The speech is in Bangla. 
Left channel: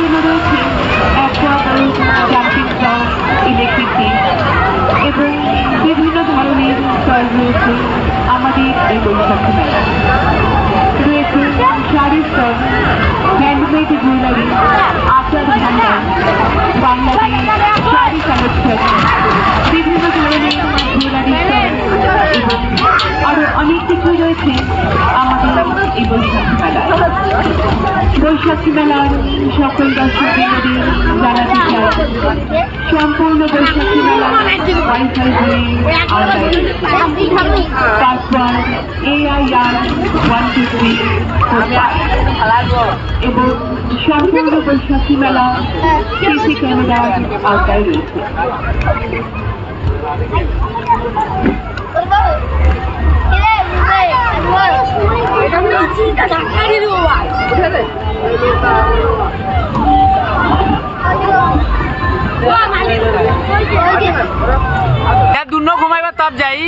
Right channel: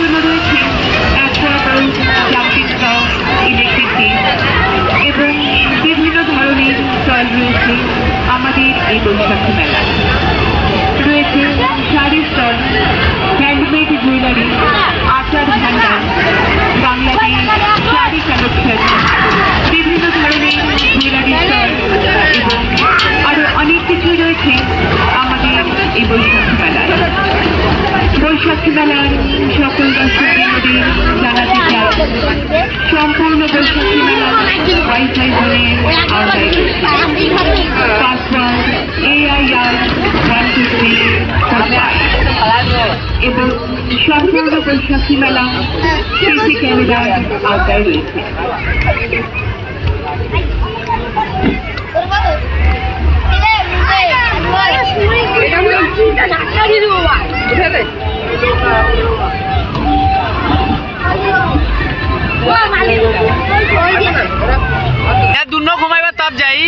জন্য রয়েছে Aquaguard, jumping frog, electric disc এবং বিভিন্ন ধরনের স্টল রয়েছে আমাদের এই বৈশাখী মেলা। রয়েছে শাড়ির স্টল, হ্যান্ডমেড জুয়েলারি, আচার ভান্ডার, বাংলাদেশ শাড়ি কালেকশন, বিভিন্ন ধরনের জুয়েলারি স্টল এবং আরো অনেক কিছুই রয়েছে আমাদের এই বৈশাখী মেলায়। বৈশাখী মেলার সকল দর্শকবৃন্দদের জানাতে চাই, সম্পূর্ণ বৈশাখী মেলা ওয়াইফাই জোনের আওতায় রয়েছে। পাসওয়ার্ড AIR 12345 এবং সম্পূর্ণ বৈশাখী মেলা সিসি ক্যামেরার আওতায় রয়েছে। দুনো ঘুমাইবার তাপ যাই।